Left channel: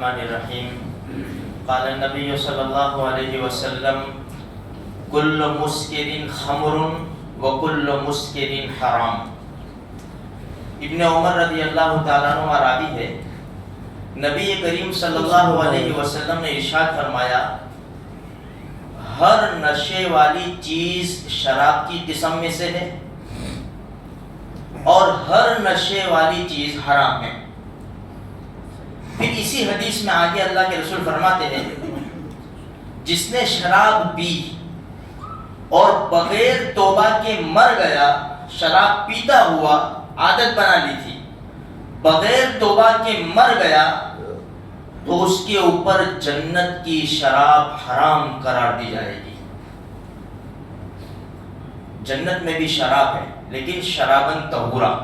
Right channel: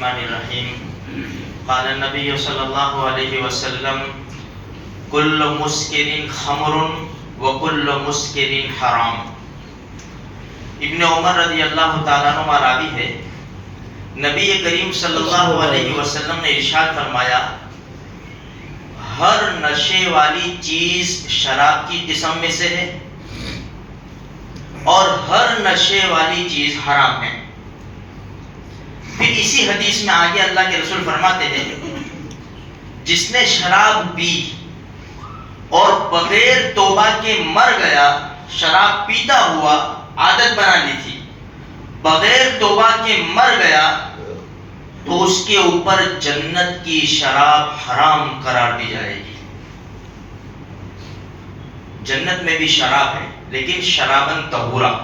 الرحمن الرحیم قال النبی صلی اللہ علیہ وسلم کل مسکر خمر وکل مسکر حرام۔ ابن عمر رضی اللہ تعالیٰ عنہ راوی ہے، نبی کریم صلی اللہ علیہ وسلم نے ارشاد فرمایا ہر نشے والی چیز شراب کی قسم میں سے ہے اور ہر نشے والی چیز حرام ہے۔ پھر اسی حدیث میں آگے اللہ کے رسول فرماتے ہیں جس نے شراب پی اور بغیر توبہ کے مر گیا، شراب پیتا ہوا عادت بنا لی تھی، بغیر توبہ کے مر گیا تو اس کے اوپر جنت کی شراب حرام قرار دی جائے گی۔ جنت میں بھی شراب ہے لیکن شرابن طہورا،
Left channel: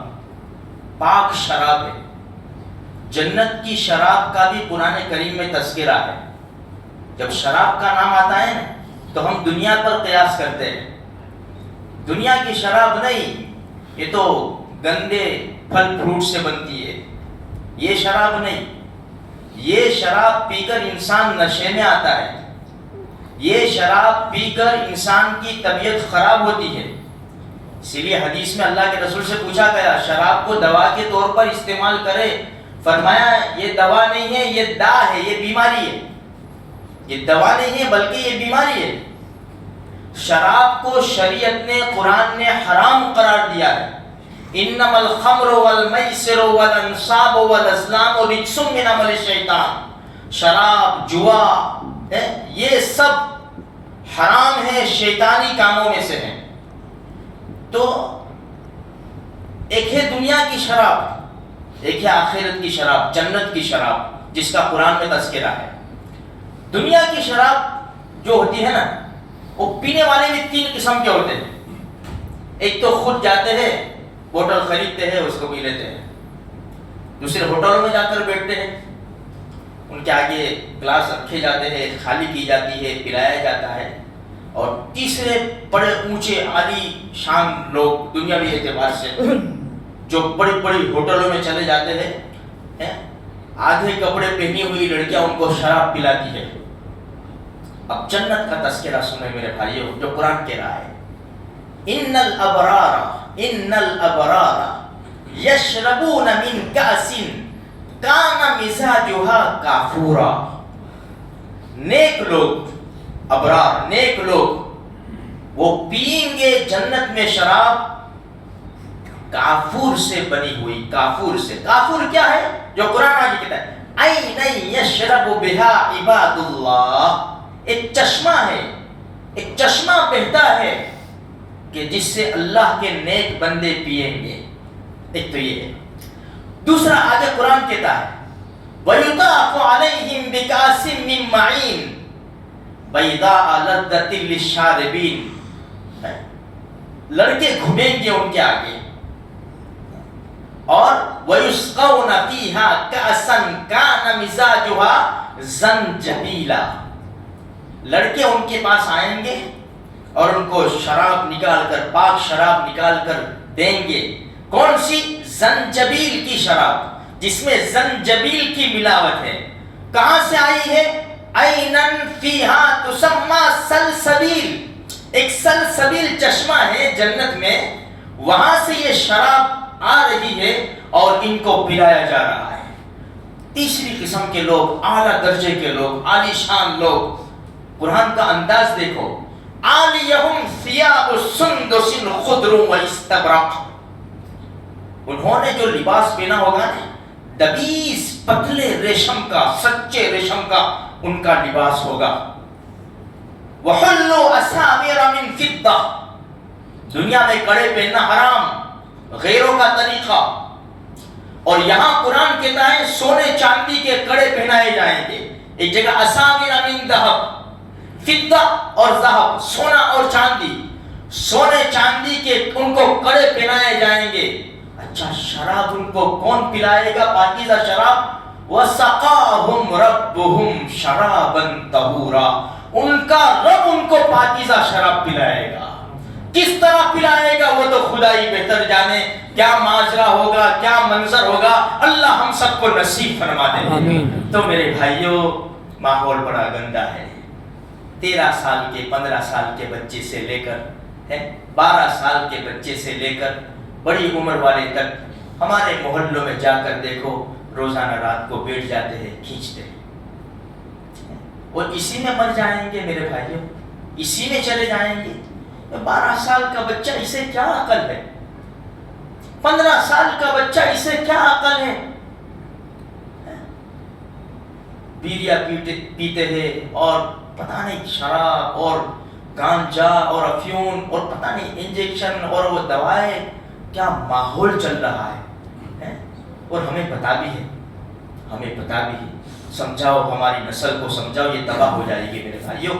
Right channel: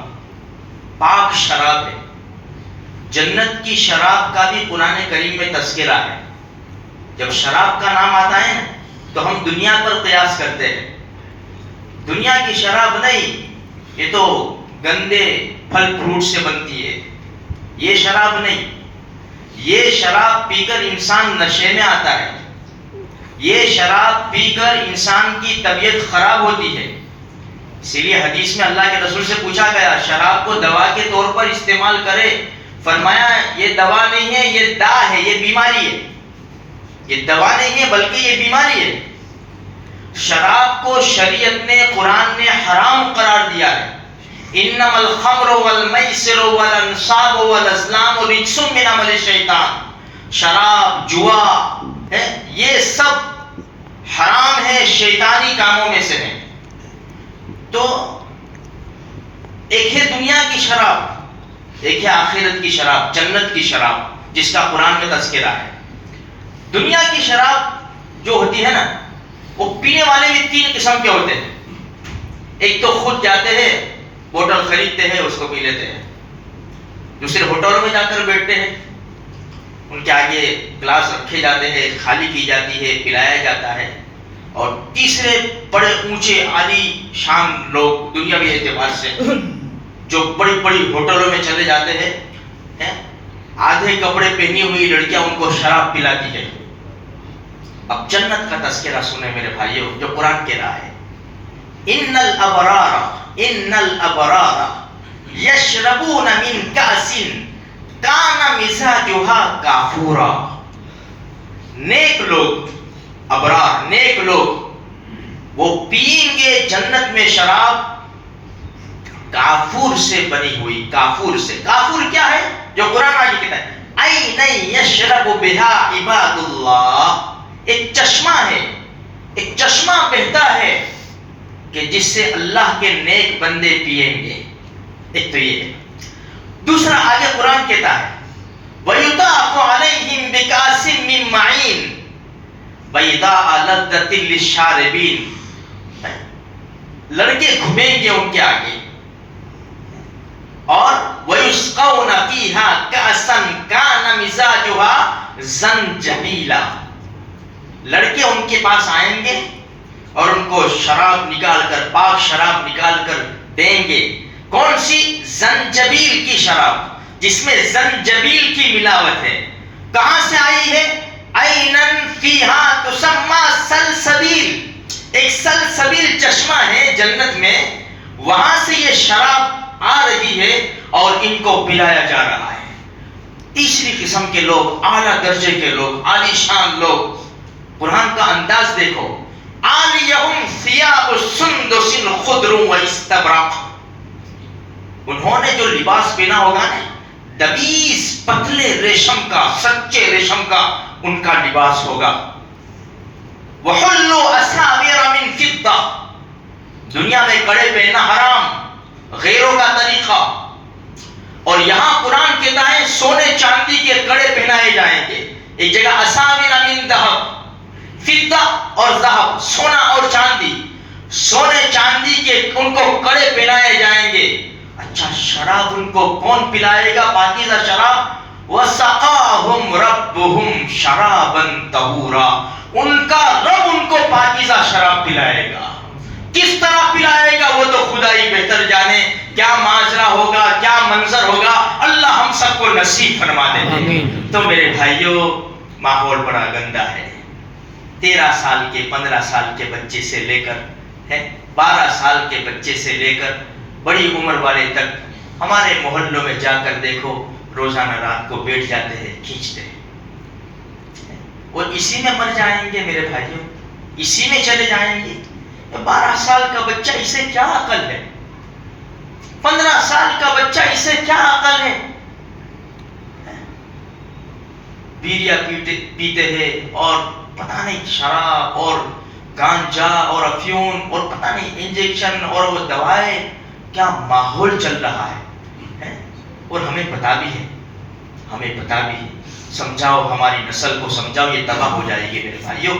پاک شراب ہے۔ جنت کی شراب کا بھی قرآن کریم میں تذکرہ ہے۔ جب شراب کا نام آتا ہے نا تو ہم دنیا پر قیاس کرتے ہیں، دنیا کی شراب نہیں، یہ تو گندے پھل فروٹ سے بنتی ہے، یہ شراب نہیں۔ یہ شراب پی کر انسان نشے میں آتا ہے، یہ شراب پی کر انسان کی طبیعت خراب ہوتی ہے۔ اسی لیے حدیث میں اللہ کے رسول سے پوچھا گیا شراب کو دوا کے طور پر استعمال کرے، فرمایا یہ دوا نہیں ہے، یہ دا ہے، یہ بیماری ہے۔ یہ دوا نہیں ہے بلکہ یہ بیماری ہے۔ شراب کو شریعت نے، قرآن نے حرام قرار دیا ہے۔ انما الخمر والمیسر والانصاب والازلام رجس من عمل الشیطان۔ شراب، جوا، یہ سب حرام ہے، شیطانی کاموں میں سے ہیں۔ تو ایک ہے دنیا کی شراب، ایک ہے آخرت کی شراب، جنت کی شراب جس کا قرآن میں تذکرہ ہے۔ دنیا کی شراب جو ہوتی ہے نا، وہ پینے والے بھی تین قسم کے ہوتے ہیں۔ ایک تو خود جاتے ہیں، بوتل خریدتے ہیں، اس کو پی لیتے ہیں۔ دوسرے ہوٹلوں میں جا کر بیٹھتے ہیں، ان کے آگے گلاس رکھے جاتے ہیں، خالی کی جاتی ہے، پلایا جاتا ہے۔ اور تیسرے بڑے اونچے عالی شان لوگ دنیاوی اعتبار سے جو بڑی بڑی ہوٹلوں میں چلے جاتے ہیں، آدھے کپڑے پہنی ہوئی لڑکیاں ان کو شراب پلاتی ہے۔ اب جنت کا تذکرہ سنیں میرے بھائیوں، جو قرآن کہہ رہا ہے ان الابرار یشربون من کأس کان مزاجها کافورا۔ نیک لوگ، ابرار، نیک لوگ وہ پئیں گے جنت میں شراب کافور سے بنی ہوئی، کافور سے۔ کافور کیا ہے؟ جو قرآن آگے کہتا ہے عین یشرب بها عباد اللہ، ایک چشمہ ہے، ایک چشمہ بہتا ہے کہ جس سے اللہ کے نیک بندے پیئیں گے۔ ایک تو یہ ہے۔ دوسرا آگے قرآن کہتا ہے وَيُطَافُ عَلَيْهِمْ بِكَأْسٍ مِّن مَّعِينٍ بَيْضَاءَ لَذَّةٍ لِّلشَّارِبِينَ۔ لڑکے گھومیں گے ان کے آگے، اور وَيُسْقَوْنَ فِيهَا كَأْسًا كَانَ مِزَاجُهَا زَنْجَبِيلًا۔ لڑکے ان کے پاس آئیں گے اور ان کو شراب نکال کر، پاک شراب نکال کر دیں گے۔ کون سی؟ زنجبیل کی شراب، جس میں زنجبیل کی ملاوٹ ہے۔ کہاں سے آئی ہے؟ عینن فیہا تسمى سلسبیل، ایک سلسبیل چشمہ ہے جنت میں، وہاں سے یہ شراب آ رہی ہے اور ان کو پلایا جا رہا ہے۔ تیسری قسم کے لوگ، اعلیٰ درجے کے لوگ، عالی شان لوگ، قرآن کا انداز دیکھو، عالیہم ثیاب سندس خضر واستبرق۔ انہوں نے جو لباس پہنا ہوگا نا، دبیس پتلے ریشم کا، سچے ریشم کا ان کا لباس ہوگا۔ وحلوا اساور من فضہ، دنیا میں کڑے پہننا حرام، غیروں کا طریقہ، اور یہاں قرآن کہتا ہے سونے چاندی کے کڑے پہنائے جائیں گے۔ ایک جگہ اساور من ذہب، فضہ اور ذہب، سونا اور چاندی، سونے چاندی کے ان کو کڑے پہنائے جائیں گے۔ اچھا، شراب ان کو کون پلائے گا؟ پاکیزہ شراب۔ وَسَقَاهُمْ رَبُّهُمْ شَرَابًا طَهُورًا، ان کا رب ان کو پاکیزہ شراب پلائے گا۔ کس طرح پلائے گا وہ تو خدا ہی بہتر جانے. کیا ماجرا ہوگا, کیا منظر ہوگا, اللہ ہم سب کو نصیب فرما دے. تو میرے بھائیوں, ماحول بڑا گندا ہے. 13 سال کے 15 سال کے بچے سے لے کر 12 سال کے بچے سے لے کر بڑی عمر والے تک ہمارے محلوں میں جا کر دیکھو, روزانہ رات کو بیٹھ جاتے ہیں, کھینچتے ہیں, اور اسی میں مر جائیں گے میرے بھائیوں, اسی میں چلے جائیں گے. 12 سال کا بچہ, اسے کیا عقل ہے؟ 15 سال کا بچہ, اسے کیا عقل ہے؟ بیڑیاں پیتے ہیں اور پتہ نہیں شراب اور گانجا اور افیون اور پتہ نہیں انجیکشن اور وہ دوائیں, کیا ماحول چل رہا ہے. اور ہمیں پتہ بھی ہے, ہمیں پتہ بھی ہے. سمجھاؤ ہماری نسل کو, سمجھاؤ, یہ تباہ ہو جائے گی میرے بھائیوں,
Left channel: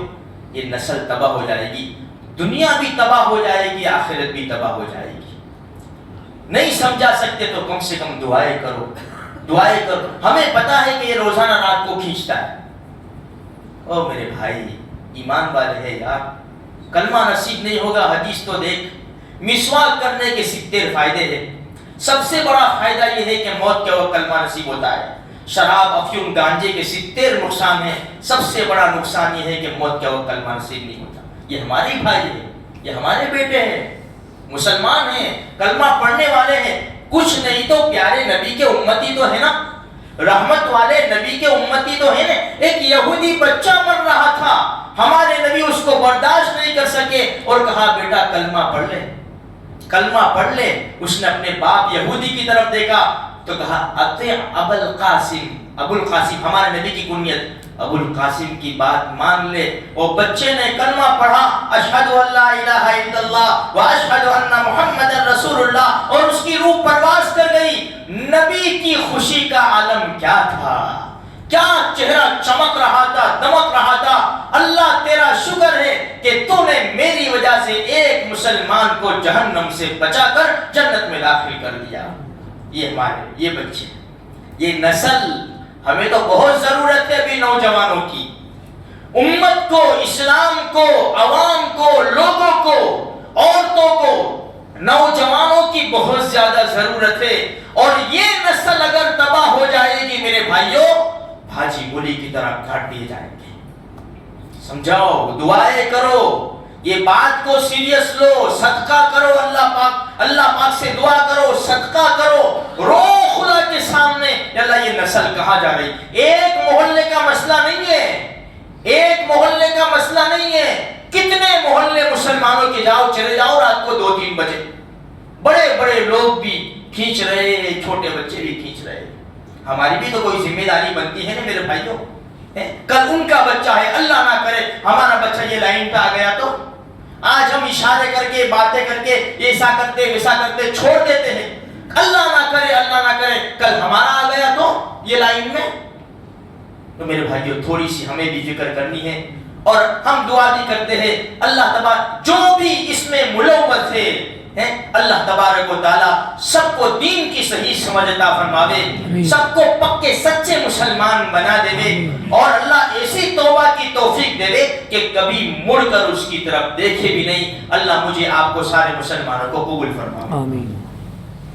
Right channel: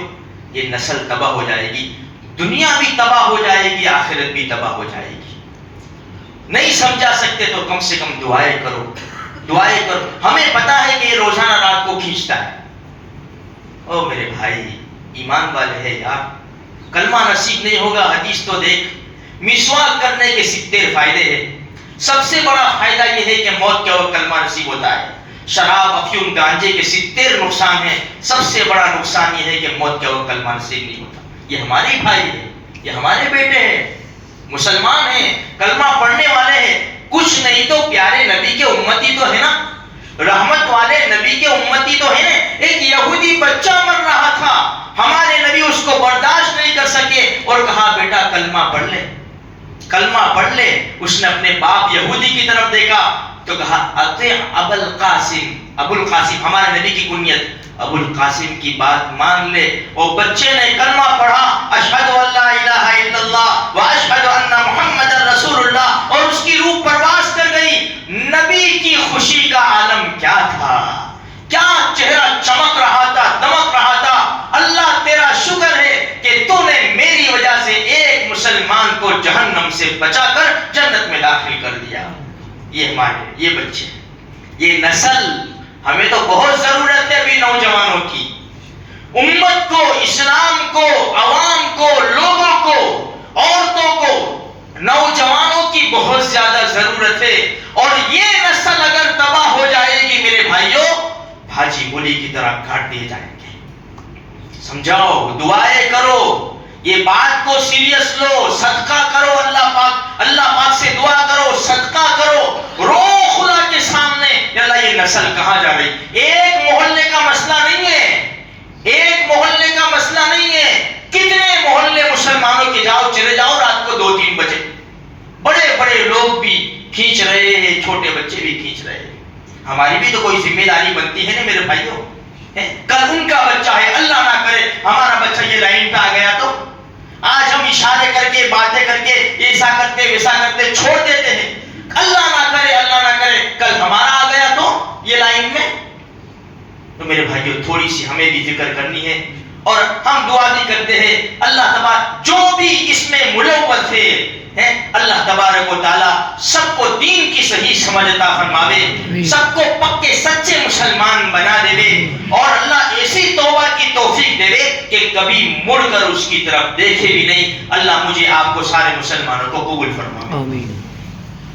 یہ نسل تباہ ہو جائے گی, دنیا بھی تباہ ہو جائے گی, آخرت بھی تباہ ہو جائے گی. نہیں سمجھا سکتے تو کم سے کم دعائیں کرو, دعائیں کرو. ہمیں پتہ ہے کہ یہ روزانہ رات کو کھینچتا ہے. او میرے بھائی, ایمان والے ہیں یار, کلمہ نصیب نہیں ہوگا. حدیث تو دیکھ, مسواک کرنے کے 70 فائدے ہیں. سب سے بڑا فائدہ یہ ہے کہ موت کے وقت کلمہ نصیب ہوتا ہے. شراب, افیون, گانجے کے 70 نقصان ہیں. سب سے بڑا نقصان یہ ہے کہ موت کے وقت کلمہ نصیب نہیں ہوتا. یہ ہمارے بھائی ہیں, یہ ہمارے بیٹے ہیں, مسلمان ہیں, کلمہ پڑھنے والے ہیں. کچھ نہیں تو پیارے نبی کے امتی تو ہے نا, رحمت والے نبی کے امتی تو ہے نا. ایک یہودی بچہ مر رہا تھا, ہمارے نبی اس کو برداشت نہیں کر سکے اور کہا بیٹا کلمہ پڑھ لے, کلمہ پڑھ لے. اس نے اپنے باپ یہودی کی طرف دیکھا تو کہا اطیع ابو القاسم, ابو القاسم ہمارے نبی کی کنیت, ابو القاسم کی بات مان لے. اور بچے نے کلمہ پڑھا, اشہد ان لا الہ الا اللہ و اشہد ان محمد رسول اللہ, اور اس کی روح پرواز کر گئی. نبی کی خوشی کا عالم کیا تھا, کیا چہرہ چمک رہا تھا, دمک رہا تھا. اللہ تیرا شکر ہے کہ تو نے میری وجہ سے ایک مسلمان کو جہنم سے بچا کر جنت میں داخل کر دیا. یہ ہمارے, یہ بچے, یہ نسل, ہمیں تو بہت ضرورت ہے ابھی نوجوانوں کی. امت کو, اسلام کو, عوام کو, لوگوں کو, عورتوں کو, نوجوانوں کی بہت زیادہ ضرورت ہے. اور یہ نسل اگر تباہ ہو جائے گی میرے بھائیوں, بھاجی گولی کی طرح کاٹ دیے جائیں گے. سمجھاؤ, دعائیں کرو, یہ بات کو سیریس لو, صدقہ کرو, اللہ پاک سے دعا کرو, صدقہ کرو, رو خدا کے سامنے, اللہ یہ نسل کہاں جا رہی. ایک محلے کا مسئلہ نہیں ہے, ایک محلے کا مسئلہ نہیں ہے. کتنے محلے مسلمانوں کے جاؤ, چلے جاؤ, رات کو 2-3 بجے بڑے بڑے لوگ بھی کھینچ رہے ہیں, چھوٹے بچے بھی کھینچ رہے ہیں. ہماری بھی تو کوئی ذمہ داری بنتی ہے نا میرے بھائیوں. کل ان کا بچہ ہے, اللہ نہ کرے ہمارا بچہ یہ لائن پہ آ گیا تو آج ہم اشارے کر کے, باتیں کر کے, ایسا کرتے ویسا کرتے چھوڑ دیتے ہیں. اللہ نہ کرے, اللہ نہ کرے کل ہمارا آ گیا تو یہ لائن میں. تو میرے بھائیوں, تھوڑی سی ہمیں بھی فکر کرنی ہے, اور ہم دعا بھی کرتے ہیں. اللہ تبارک جو بھی اس میں ملوث ہے, اللہ تبارک و تعالی سب کو دین کی صحیح سمجھ عطا فرماوے, سب کو پکے سچے مسلمان بنا دے, اور اللہ ایسی توبہ کی توفیق دے کہ کبھی مڑ کر اس کی طرف دیکھے بھی نہیں. اللہ مجھے آپ کو سارے مسلمانوں کو قبول فرمائے. آمین.